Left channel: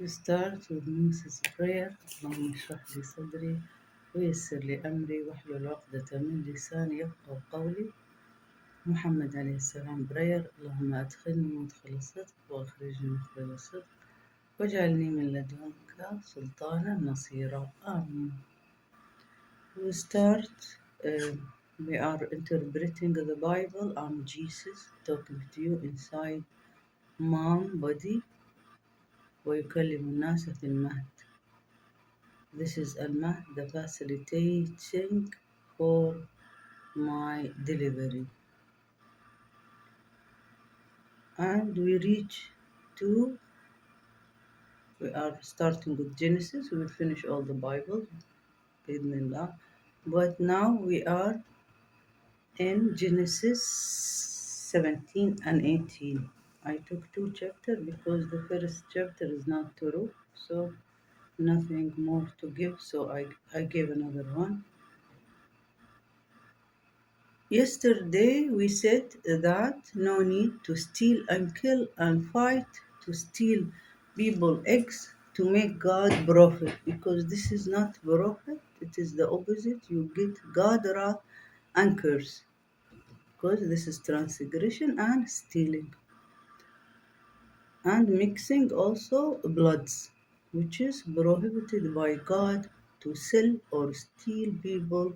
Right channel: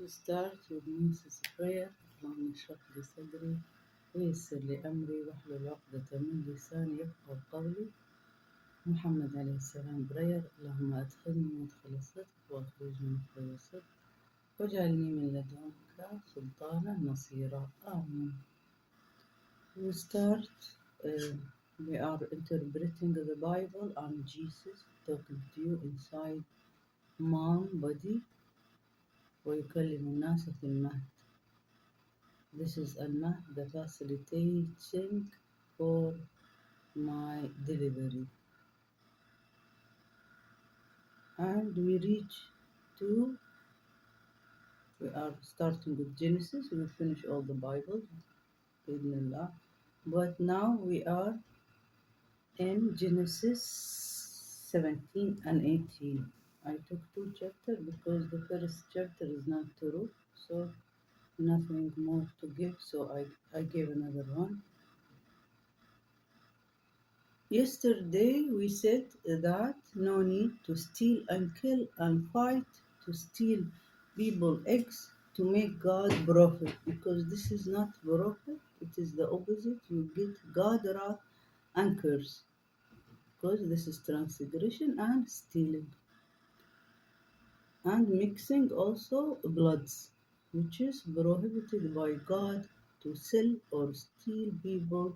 We start with Moses' prayer. اللهم اشرح لي صدري ويسر لي أمري واحلل عقدة من لساني يفقهوا قولي. محمد عليه السلام prayer. اللهم أدخلني مدخل الصدق وأخرجني مخرج الصدق واجعلني من لدنك سلطانا نصيرا. آمين. We start. um, we are interpreting the Bible. I'm Jesus talking to you inside mom body. ويكلم الناس في المهد. This is المهد, the facilitating for my delivery. And we are starting with Genesis. We will finish all the Bible, بإذن. But now we are in Genesis 17 and 18. I took two chapters because the first chapter is not true, so nothing more to give, so I gave another one. Yesterday we said that no need to steal and kill and fight to steal people eggs to make God prophet, because this is not prophet, it is the opposite. You get God wrath and curse, because this is transgression and stealing and mixing also bloods, which is prohibited by God to sell or steal people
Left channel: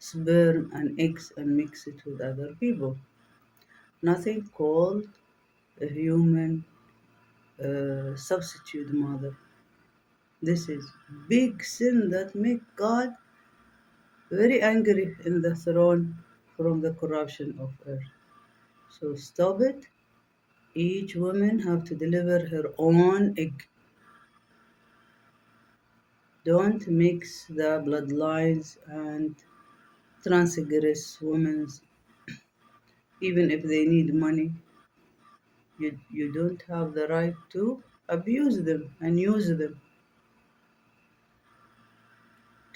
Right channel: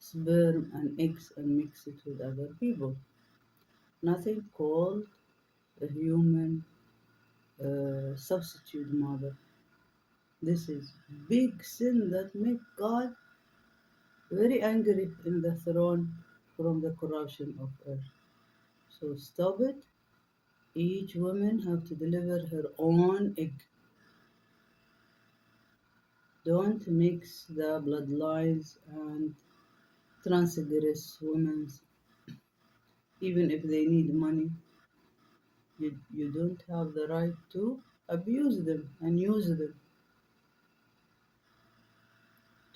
sperm and eggs and mix it with other people. Nothing called a human substitute mother. This is big sin that make God very angry in the throne from the corruption of earth. So stop it. Each woman have to deliver her own egg. Don't mix the bloodlines and transgress women, even if they need money. You don't have the right to abuse them and use them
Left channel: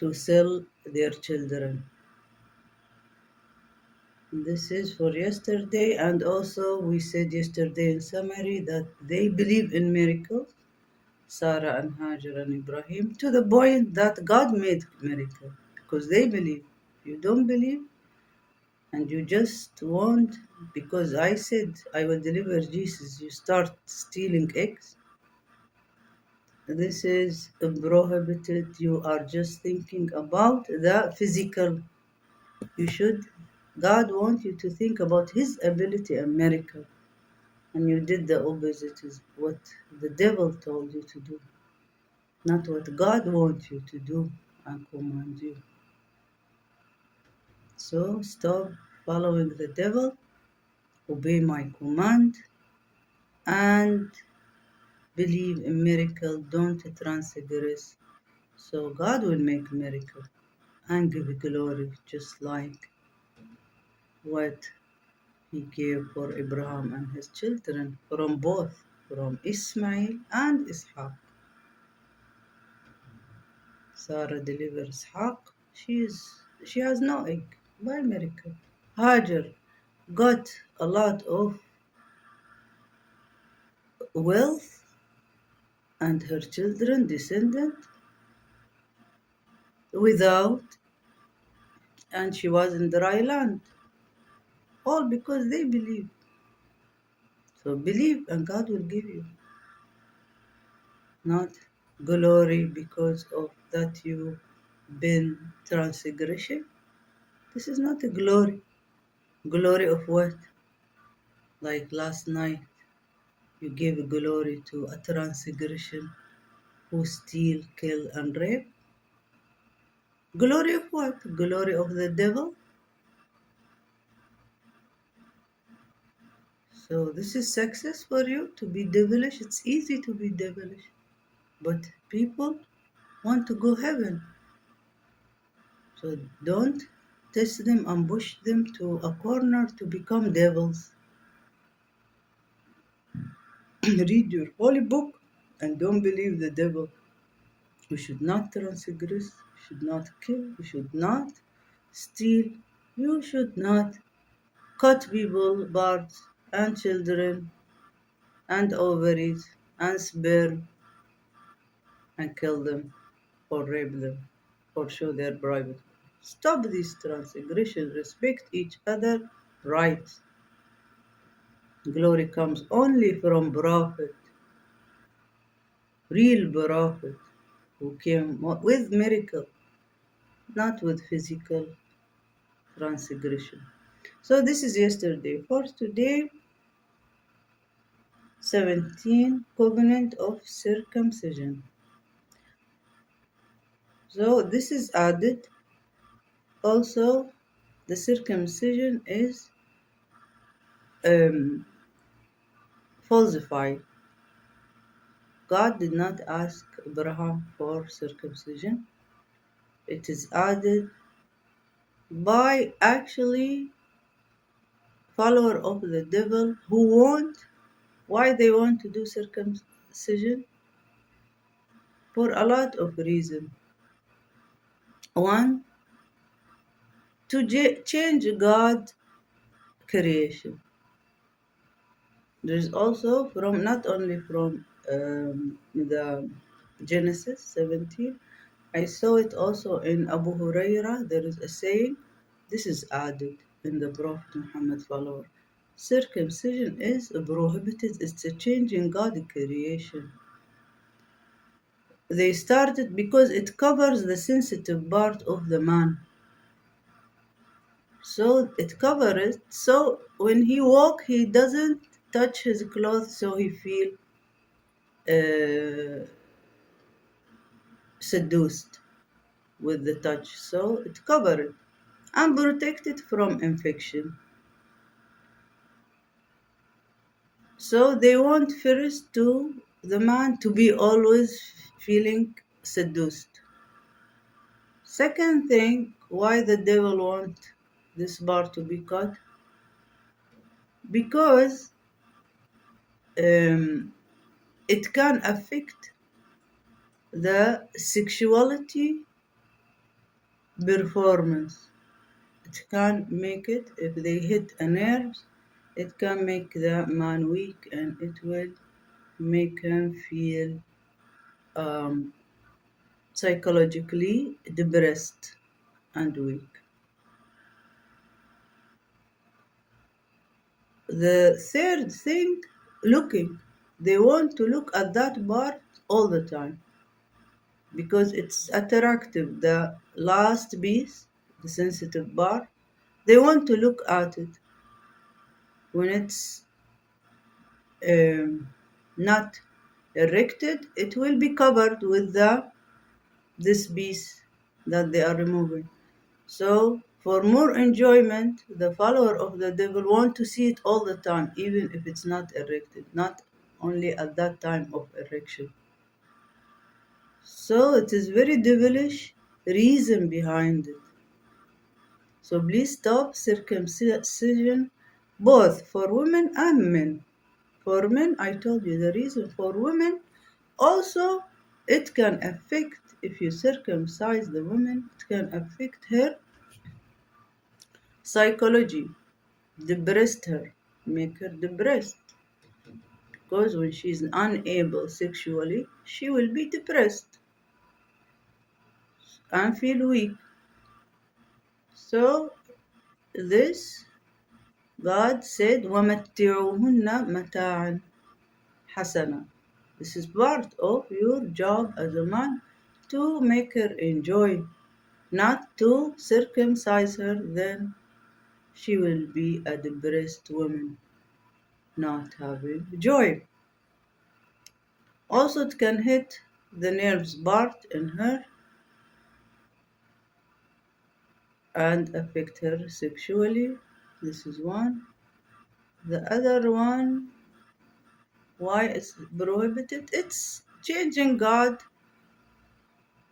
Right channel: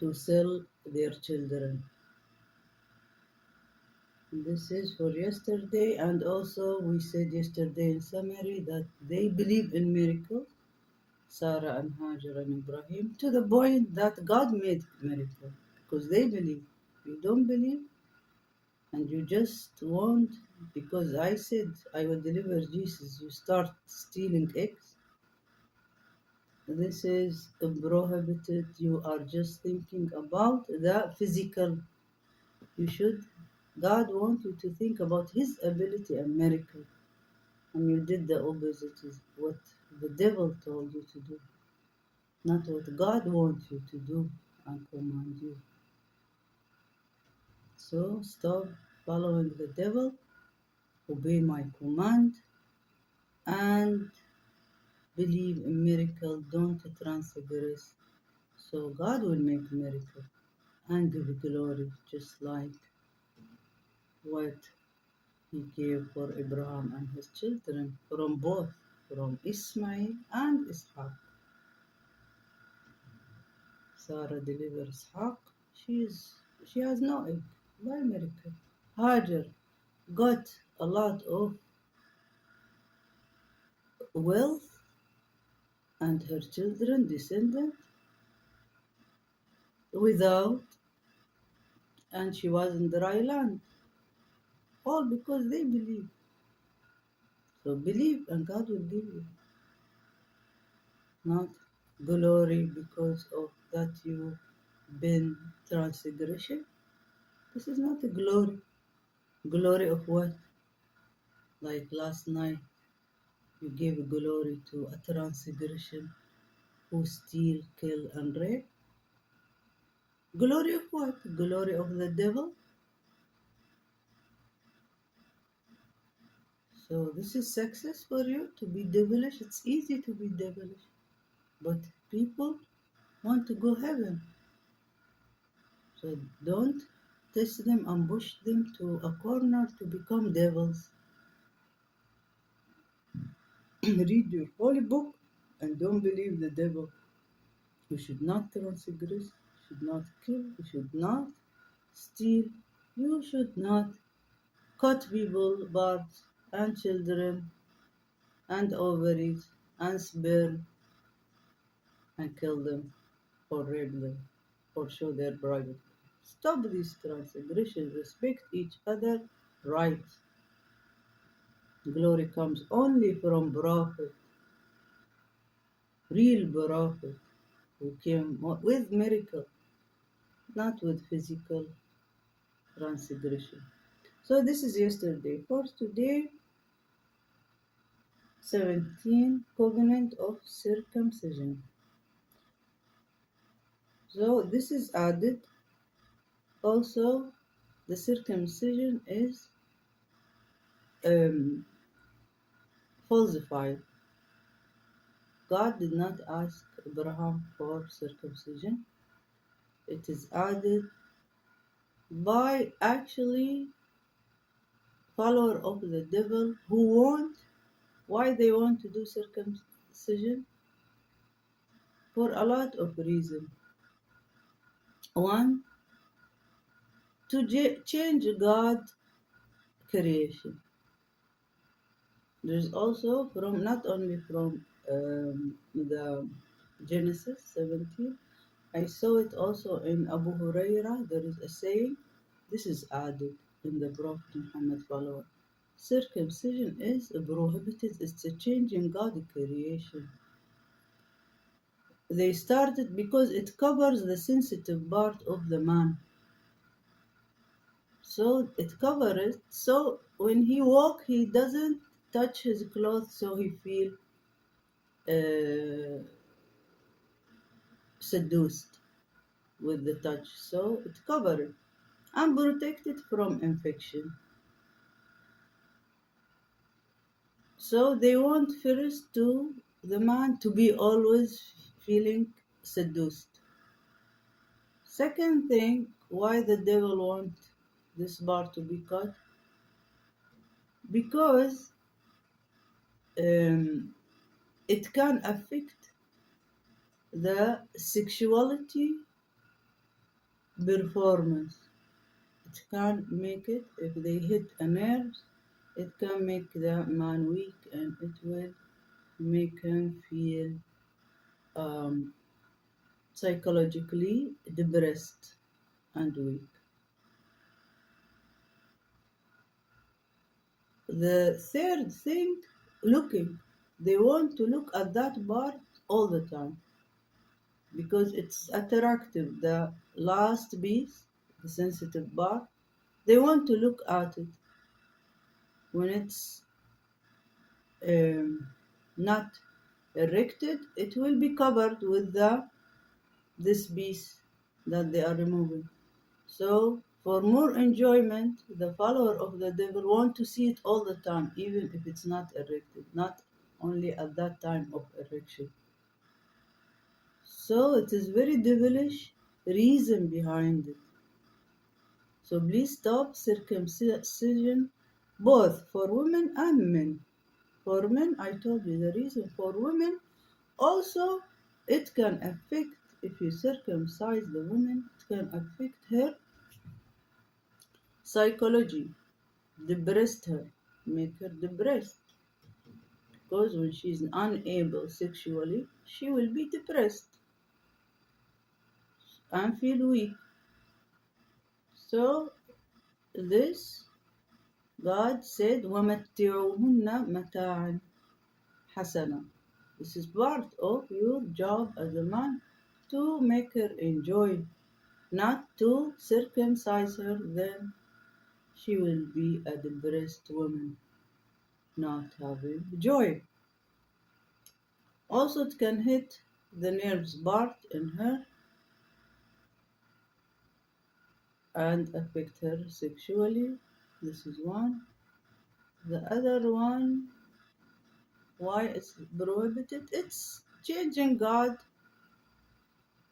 to sell their children. This is for yesterday, and also we said yesterday in summary that they believe in miracles, Sarah and Hajar and Ibrahim, to the point that God made miracle because they believe. You don't believe, and you just want, because I said I will deliver Jesus, you start stealing eggs. This is prohibited. You are just thinking about the physical. You should, God wants you to think about His ability and miracle. And you did the opposite, is what the devil told you to do, not what God wants you to do and command you. So stop following the devil, obey my command, and believe in miracle. Don't transgress. So God will make miracle and give glory, just like what He gave for Abraham and his children, from both, from Ismail and Ishaq. Sarah delivers Ishaq. She has no egg by miracle. Hajar got a lot of wealth and her children descended without, and she was in dry land. All because they believe. So believe and God will give you. Not glory because of that you've been transgression. This is not a glory. Glory of what? Like last night, you gave glory to a transgression who steal, kill, and rape. Glory of what? Glory of the devil? So this is success for you to be devilish. It's easy to be devilish. But people want to go heaven. So don't test them and push them to a corner to become devils. Read your holy book and don't believe the devil. You should not transgress, you should not kill, you should not steal, you should not cut people, birds and children and ovaries and sperm and kill them or rape them or show their private. Stop these transgressions, respect each other rights. Glory comes only from prophet, real prophet, who came with miracle, not with physical transgression. So this is yesterday. For today, 17 covenant of circumcision. So this is added. Also, the circumcision is um, falsified. God did not ask Abraham for circumcision. It is added by actually follower of the devil who want, why they want to do circumcision? For a lot of reasons. One, to change God's creation. There is also from not only from the Genesis 17. I saw it also in Abu Huraira. There is a saying. This is added in the Prophet Muhammad follower. Circumcision is prohibited. It's a change in God's creation. They started because it covers the sensitive part of the man. So it covers it. So when he walk, he doesn't touch his clothes, so he feel uh, seduced with the touch. So it covers it and protect it from infection. So they want first to the man to be always feeling seduced. Second thing, why the devil want this part to be cut? Because um, it can affect the sexuality performance. It can make it, if they hit a nerve, it can make the man weak and it will make him feel um, psychologically depressed and weak. The third thing, looking. They want to look at that part all the time because it's attractive. The last piece, the sensitive part, they want to look at it when it's um, not erected. It will be covered with the this piece that they are removing. So for more enjoyment, the follower of the devil want to see it all the time, even if it's not erected, not only at that time of erection. So it is very devilish reason behind it. So please stop circumcision both for women and men. For men, I told you the reason. For women, also it can affect, if you circumcise the woman, it can affect her psychology, depress her, make her depressed. Because when she is unable sexually, she will be depressed and feel weak. So this God said, وَمَتِّعُوهُنَّ مَتَاعًا حَسَنًا. This is part of your job as a man to make her enjoy, not to circumcise her, then she will be a depressed woman, not having joy. Also, it can hit the nerves part in her and affect her sexually. This is one. The other one, why it's prohibited? It's changing God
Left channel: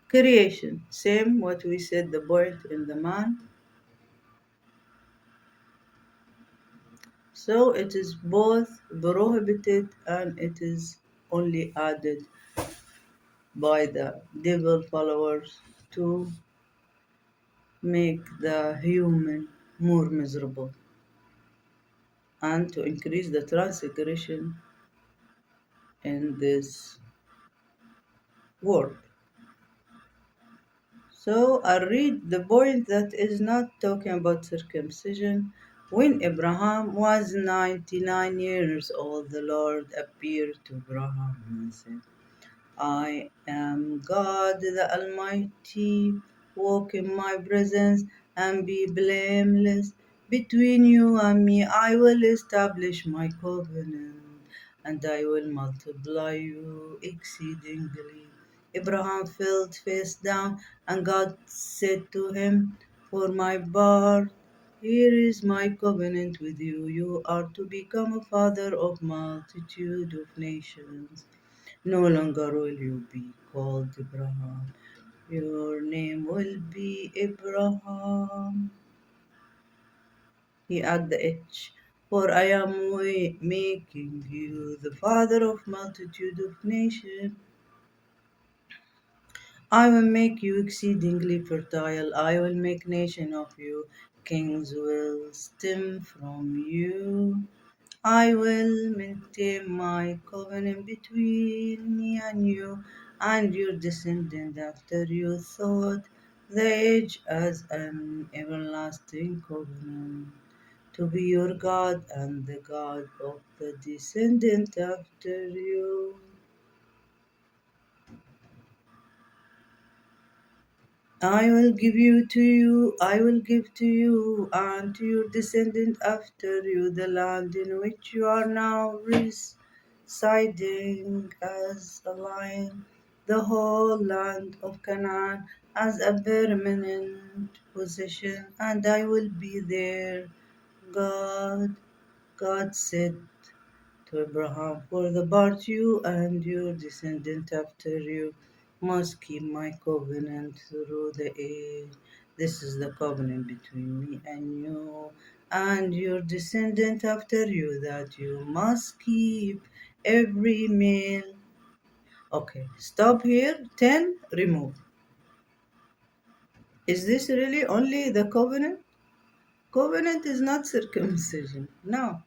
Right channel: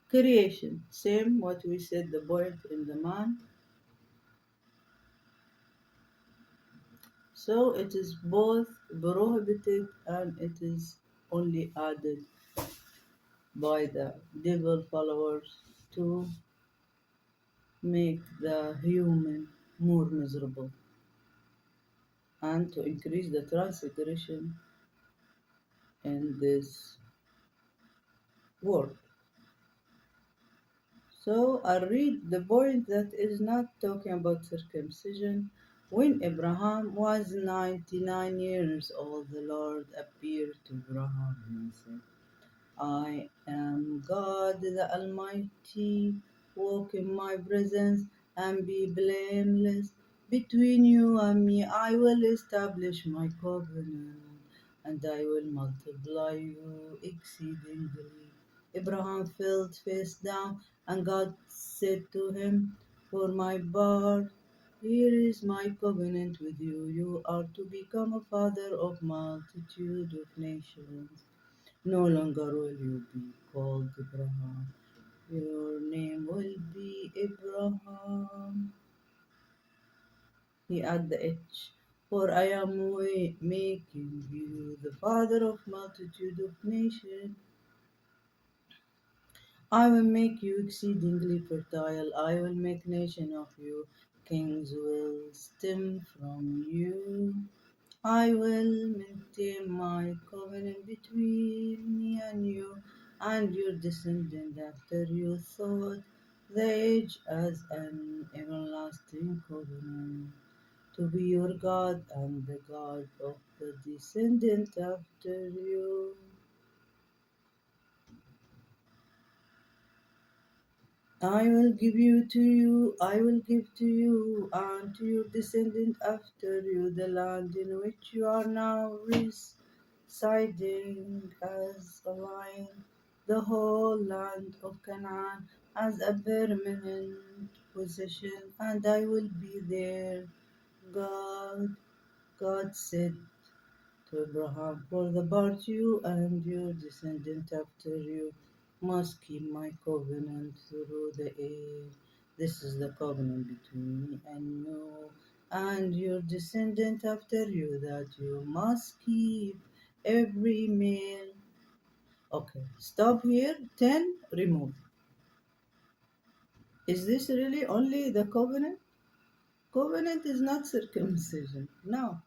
creation. Same what we said, the point in the man. So it is both prohibited and it is only added by the devil followers to make the human more miserable and to increase the transgression in this word. So I read the point that is not talking about circumcision. When Abraham was 99 years old, the Lord appeared to Abraham and said, I am God the Almighty. Walk in my presence and be blameless. Between you and me, I will establish my covenant and I will multiply you exceedingly. Abraham fell face down, and God said to him, for my part, here is my covenant with you. You are to become a father of multitude of nations. No longer will you be called Abraham. Your name will be Abraham. He added the H. For I am making you the father of multitude of nations. I will make you exceedingly fertile. I will make nation of you. Kings will stem from you. I will maintain my covenant between me and you and your descendant after you thought the age as an everlasting covenant to be your God and the God of the descendant after you. I will give to you and to your descendant after you the land in which you are now residing as a line, the whole land of Canaan as a permanent possession, and I will be there. God, God said to Abraham, for the part you and your descendant after you must keep my covenant through the age. This is the covenant between me and your descendant after you that you must keep every male. Okay, stop here. 10, remove. Is this really only the covenant? Covenant is not circumcision. No.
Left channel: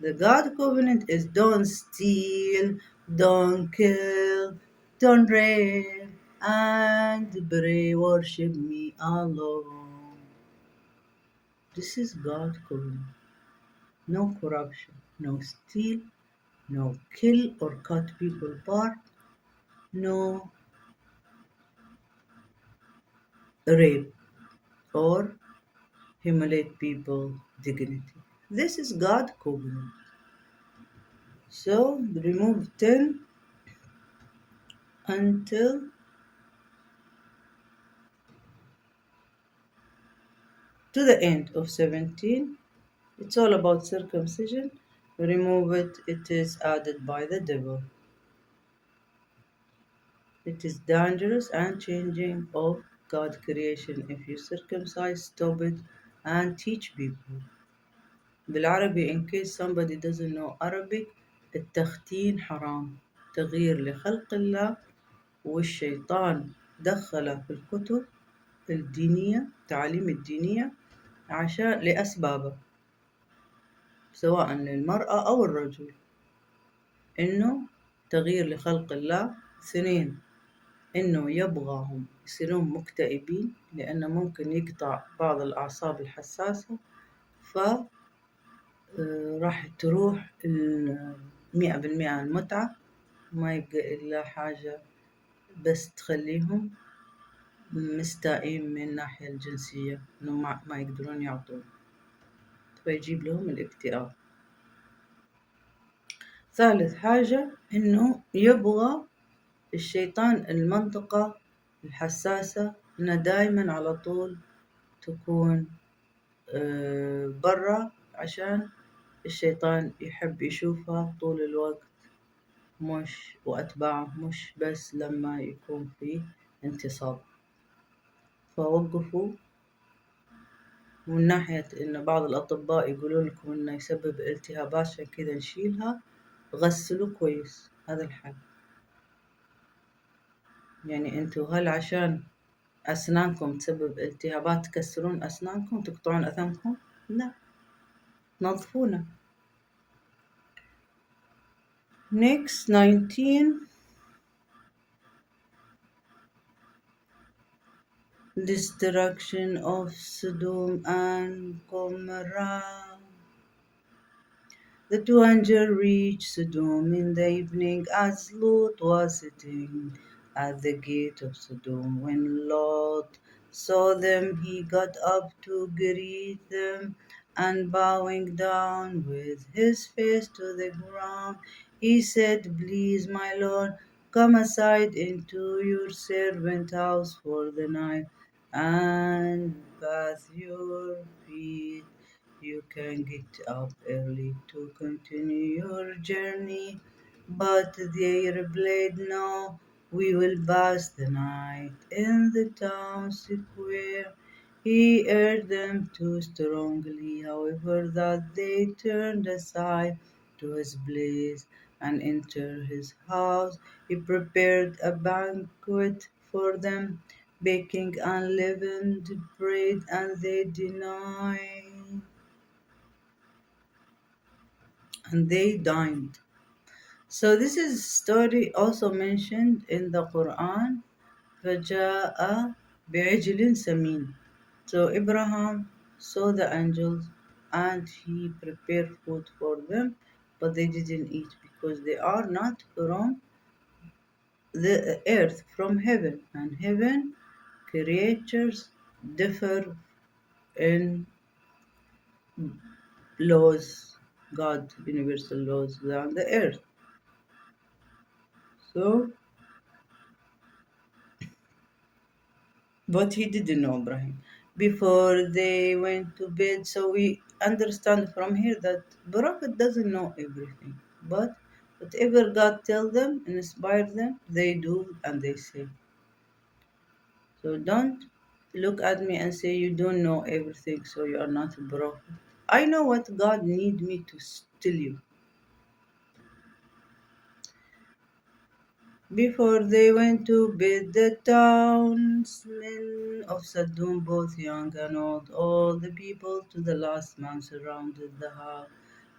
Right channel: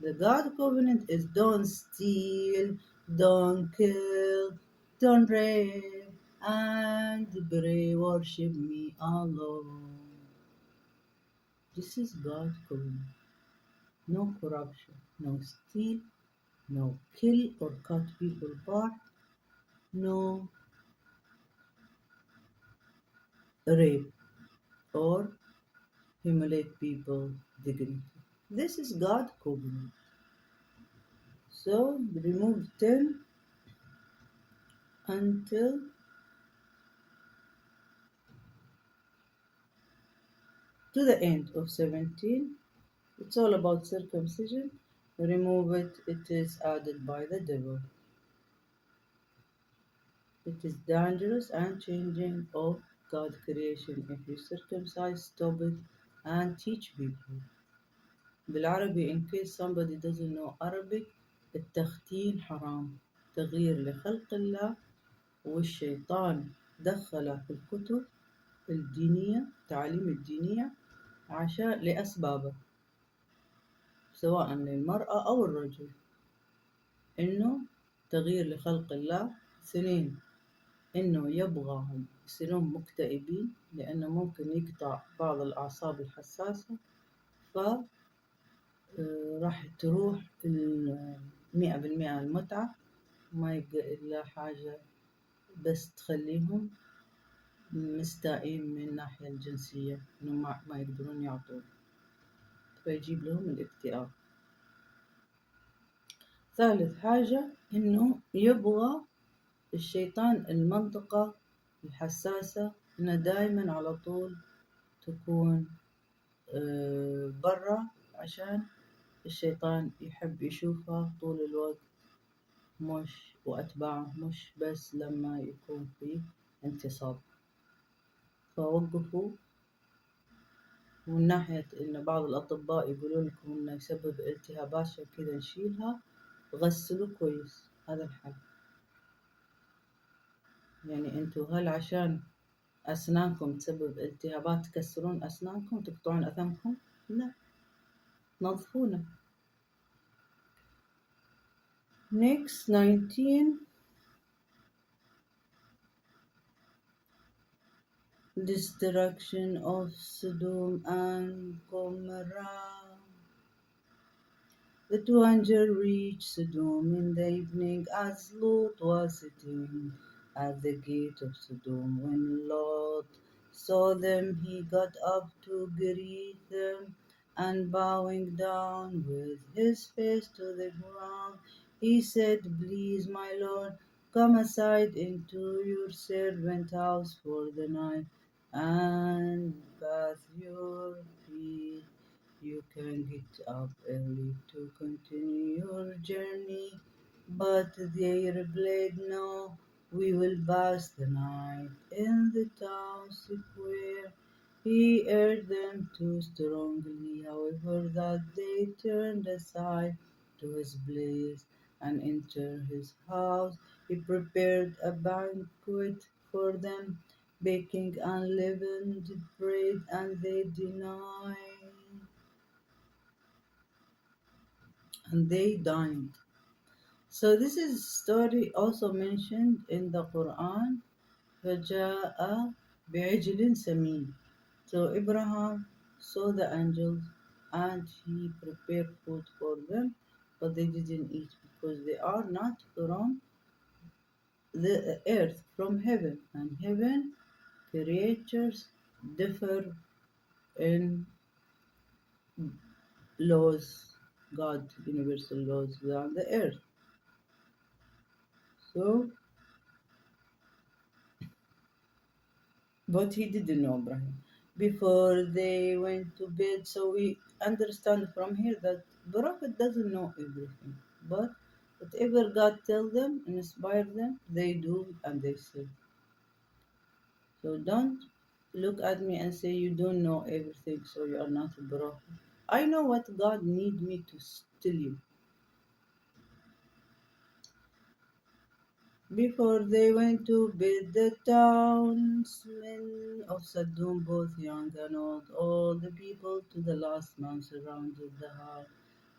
The God covenant is don't steal, don't kill, don't rape, and pray, worship me alone. This is God covenant. No corruption, no steal, no kill or cut people apart, no rape or humiliate people dignity. This is God covenant. So remove 10 until to the end of 17. It's all about circumcision. Remove it, it is added by the devil. It is dangerous and changing of God's creation. If you circumcise, stop it and teach people. بالعربي in case somebody doesn't know Arabic, التختين حرام. تغيير لخلق الله والشيطان دخله في الكتب الدينية التعاليم الدينية عشان لأسبابه سواء للمرأة أو الرجل. إنه تغيير لخلق الله. 2 إنه يبغاهم يصيرون مكتئبين لأنه ممكن يقطع بعض الأعصاب الحساسة ف راح تروح 100% المتعة ما يبقى إلا حاجة بس تخليهم مستائين من الناحية الجنسية إنه ما يقدرون يعطون فيجيب لهم الاكتئاب. ثالث حاجة إنه يبغى الشيطان المنطقة الحساسة إنها دايما على طول تكون برا عشان الشيطان يحب يشوفها طول الوقت مش وأتباعه مش بس لما يكون في انتصاب. فوقفوا من ناحية إن بعض الأطباء يقولون لكم إنه يسبب التهابات عشان كذا نشيلها. غسلوا كويس، هذا الحل. يعني انتوا هل عشان أسنانكم تسبب التهابات تكسرون أسنانكم تقطعون أثامكم؟ لا، تنظفونها. Next 19 Destruction of Sodom and Gomorrah. The two angels reached Sodom in the evening as Lot was sitting at the gate of Sodom. When Lot saw them, he got up to greet them, and bowing down with his face to the ground, he said, "Please, my Lord, come aside into your servant house for the night and bathe your feet. You can get up early to continue your journey." But they replied, "No, we will pass the night in the town square." He urged them too strongly, however, that they turned aside to his place and entered his house. He prepared a banquet for them, baking unleavened bread, and they denied and they dined. So this is story also mentioned in the Quran. فَجَاءَ بِعِجْلٍ سَمِينٍ. So Abraham saw the angels and he prepared food for them, but they didn't eat because they are not from the earth, from heaven. And heaven creatures differ in laws, God, universal laws than the earth. So but he didn't know Ibrahim before they went to bed. So we understand from here that Prophet doesn't know everything, but whatever God tell them and inspire them, they do and they say. So don't look at me and say you don't know everything, so you are not a prophet. I know what God need me to tell you. Before they went to bed, the townsmen of Sodom, both young and old, all the people to the last man, surrounded the house.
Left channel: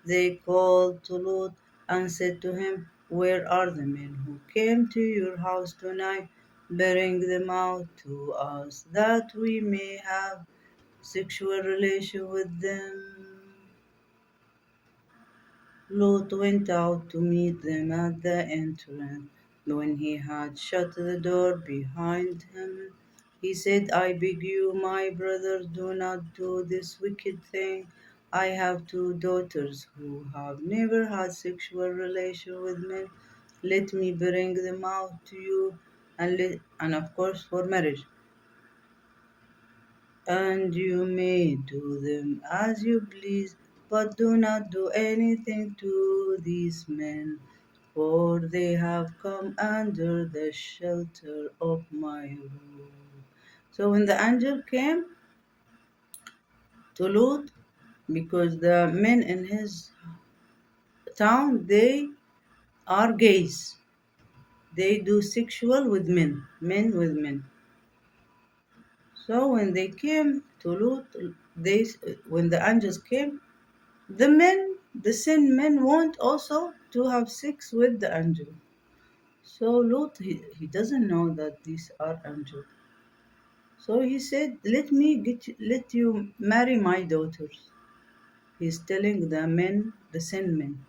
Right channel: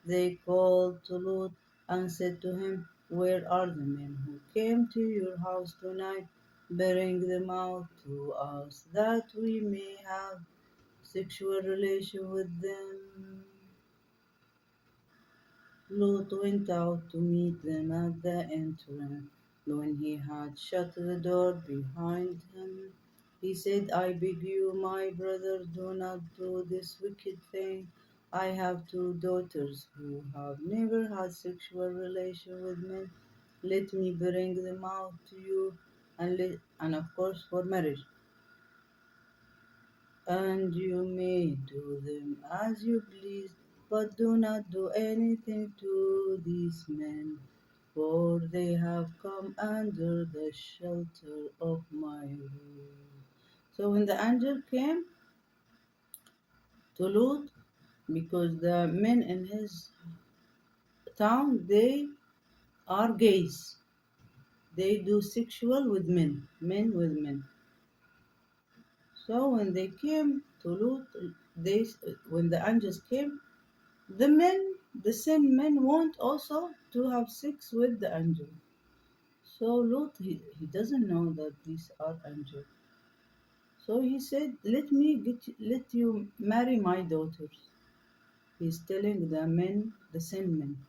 They called to Lot and said to him, "Where are the men who came to your house tonight? Bring them out to us, that we may have sexual relation with them." Lot went out to meet them at the entrance. When he had shut the door behind him, he said, "I beg you, my brothers, do not do this wicked thing. I have two daughters who have never had sexual relation with men. Let me bring them out to you, and of course for marriage, and you may do them as you please, but do not do anything to these men, for they have come under the shelter of my roof." So when the angel came to Lot, because the men in his town, they are gays, they do sexual with men, men with men. So when they came to Lot, they when the angels came, the men, the sin men, want also to have sex with the angel. So Lot, he doesn't know that these are angels. So he said, let you marry my daughters. He's telling the men, the sin men,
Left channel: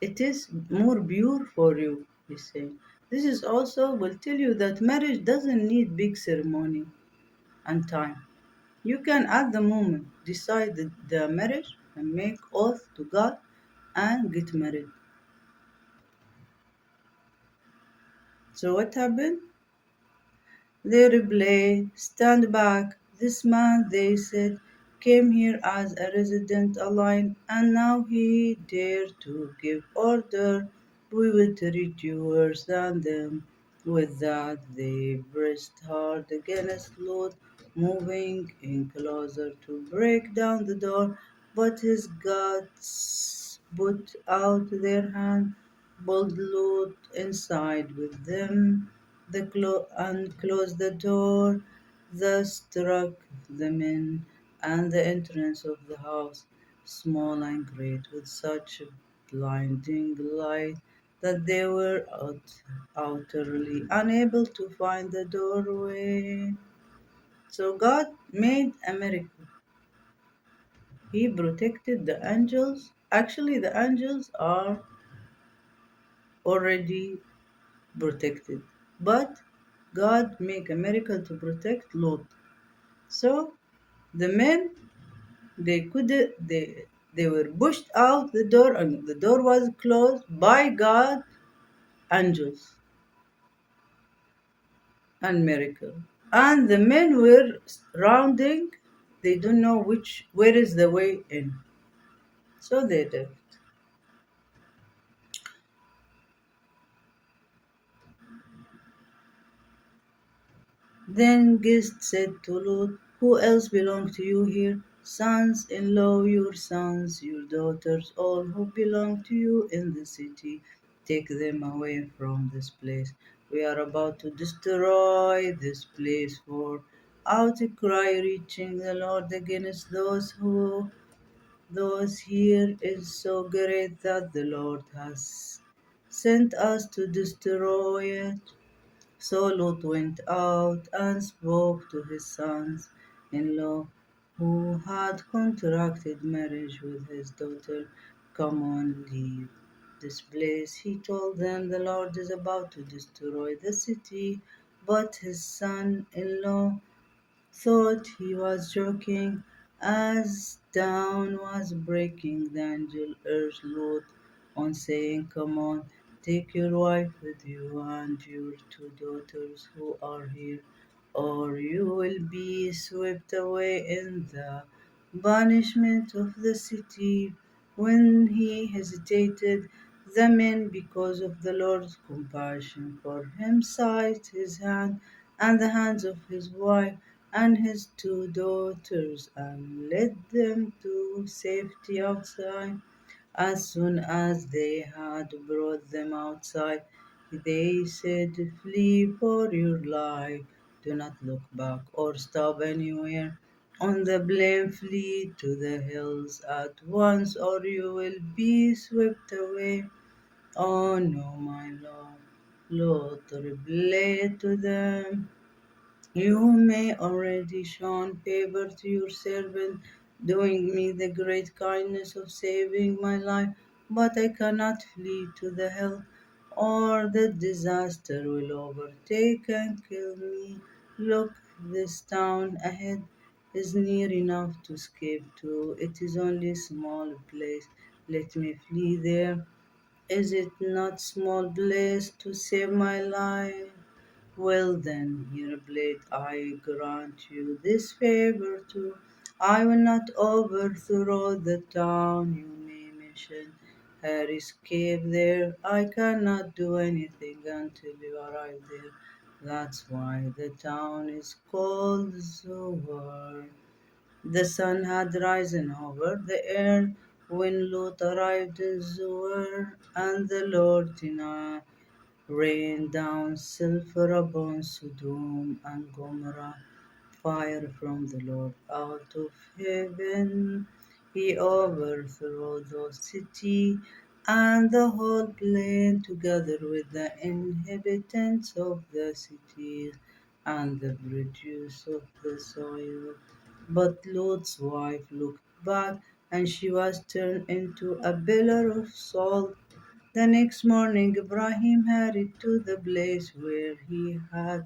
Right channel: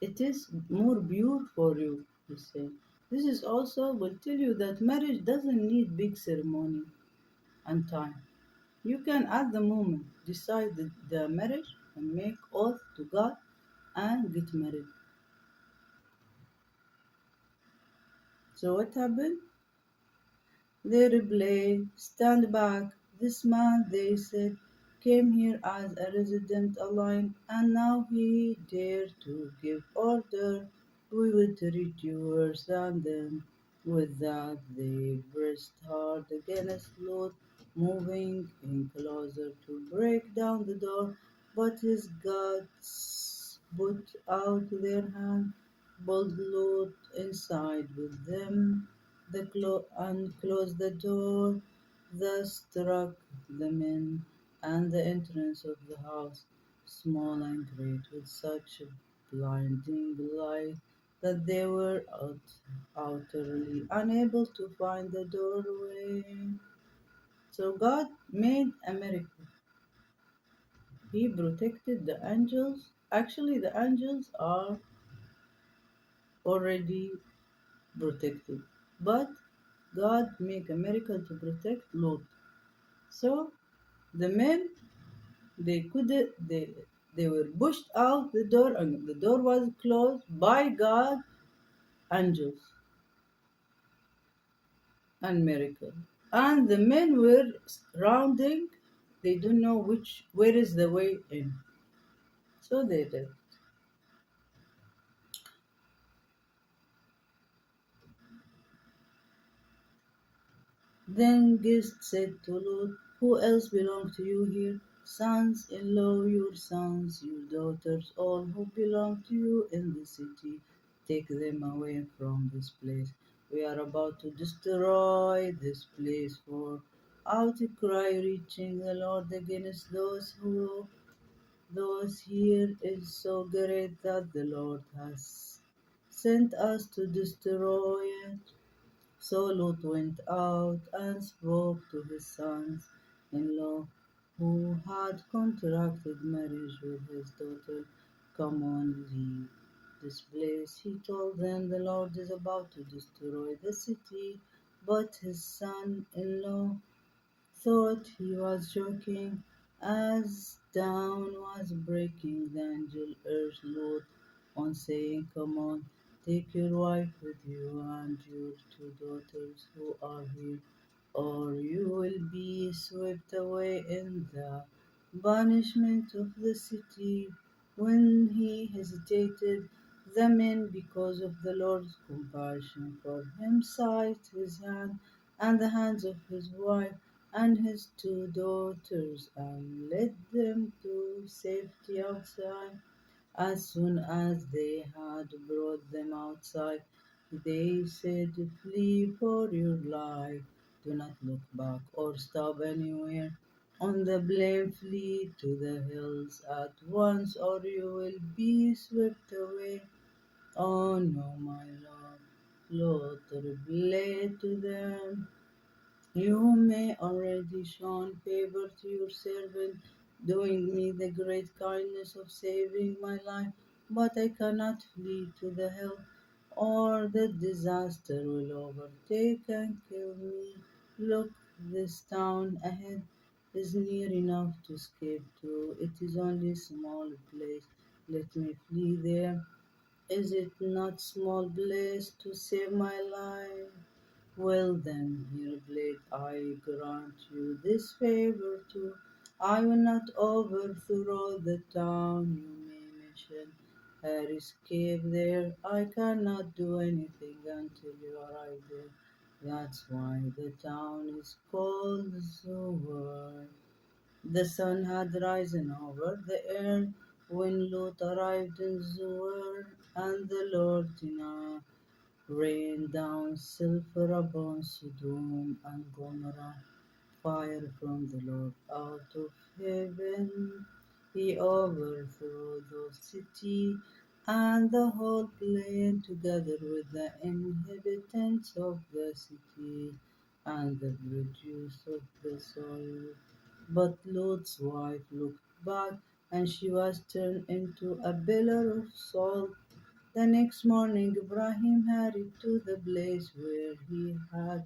it is more pure for you, he's saying. This is also will tell you that marriage doesn't need big ceremony and time. You can at the moment decide the marriage and make oath to God and get married. So what happened? They replied, "Stand back. This man," they said, "came here as a resident alone, and now he dared to give order. We will treat you worse than them." With that, they pressed hard against Lot, moving in closer to break down the door, but his guards put out their hand, pulled Lot inside with them, and closed the door, thus struck the men and the entrance of the house, small and great, with such a blinding light that they were utterly unable to find the doorway. So God made a miracle. He protected the angels. Actually, the angels are already protected, but God made a miracle to protect Lot. So the men they could they were pushed out the door and the door was closed by God angels and miracle. And the men were rounding, they don't know which where is the way in. So they left. Then Gist said to Lot, who else belong to you here? Sons in law, your sons, your daughters, all who belong to you in the city. Take them away from this place. We are about to destroy this place, for outcry reaching the Lord against those here is so great that the Lord has sent us to destroy it. So Lot went out and spoke to his sons in law who had contracted marriage with his daughter. Come on, leave this place. He told them the Lord is about to destroy the city, but his son in law thought he was joking. As dawn was breaking, the angel urged Lot on, saying, come on, take your wife with you and your two daughters who are here, or you will be swept away in the banishment of the city. When he hesitated, the men, because of the Lord's compassion for him, seized his hand and the hands of his wife and his two daughters and led them to safety outside. As soon as they had brought them outside, they said, flee for your life. Do not look back or stop anywhere. On the plain, flee to the hills at once, or you will be swept away. Oh no, my Lord. Lord, reveal to them. You may already shown favor to your servant, doing me the great kindness of saving my life, but I cannot flee to the hill, or the disaster will overtake and kill me. Look, this town ahead is near enough to escape to. It is only a small place. Let me flee there. Is it not small place to save my life? Well then, here blade, I grant you this favor too. I will not overthrow the town you may mention. Her escape there, I cannot do anything until you arrive there. That's why the town is called Zoar. The sun had risen over the earth when Lot arrived in Zoar, and the Lord denied rain down sulfur upon Sodom and Gomorrah, fire from the Lord out of heaven. He overthrew those cities and the whole plain together with the inhabitants of the cities and the produce of the soil. But Lot's wife looked back and she was turned into a pillar of salt. The next morning, Ibrahim hurried to the place where he had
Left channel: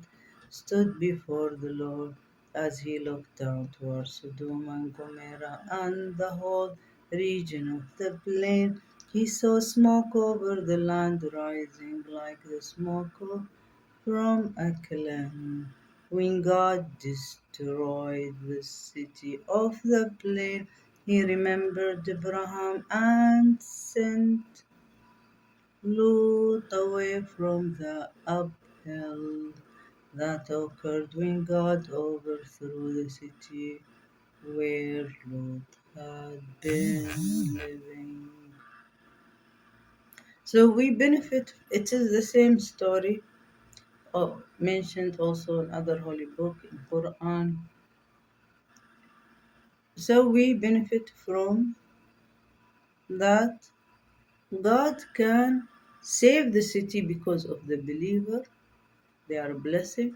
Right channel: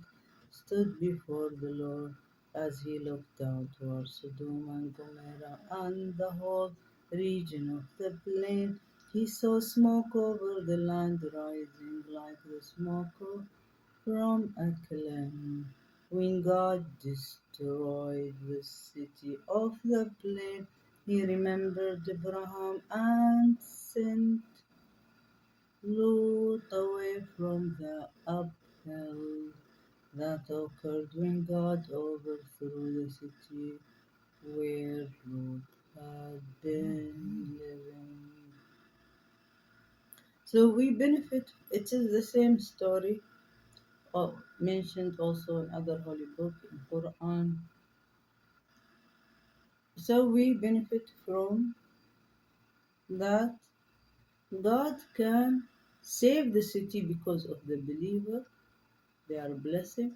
stood before the Lord. As he looked down towards Sodom and Gomorrah and the whole region of the plain, he saw smoke over the land rising like the smoke from a kiln. When God destroyed the city of the plain, he remembered Abraham and sent Lot away from the uphill that occurred when God overthrew the city where Lot had been living. So we benefit, it is the same story mentioned also in other holy book in Quran. So we benefit from that God can save the city because of the believer. They are a blessing.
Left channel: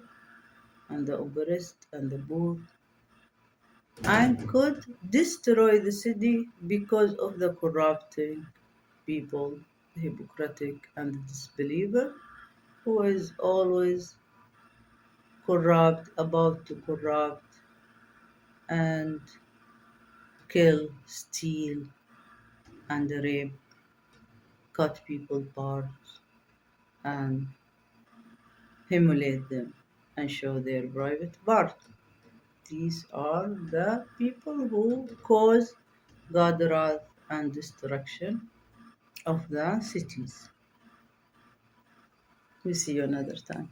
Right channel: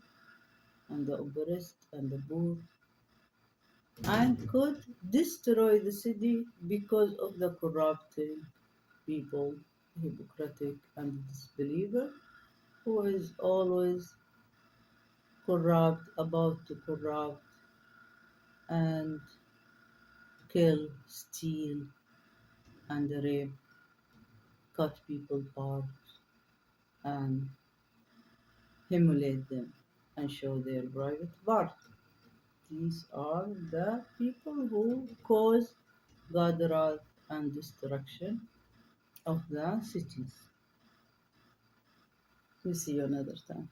and the oppressed and the poor, and could destroy the city because of the corrupting people, the hypocritic and the disbeliever, who is always corrupt, about to corrupt and kill, steal, and rape, cut people parts, and humiliate them and show their private part. These are the people who cause God's wrath and destruction of the cities. We see you another time.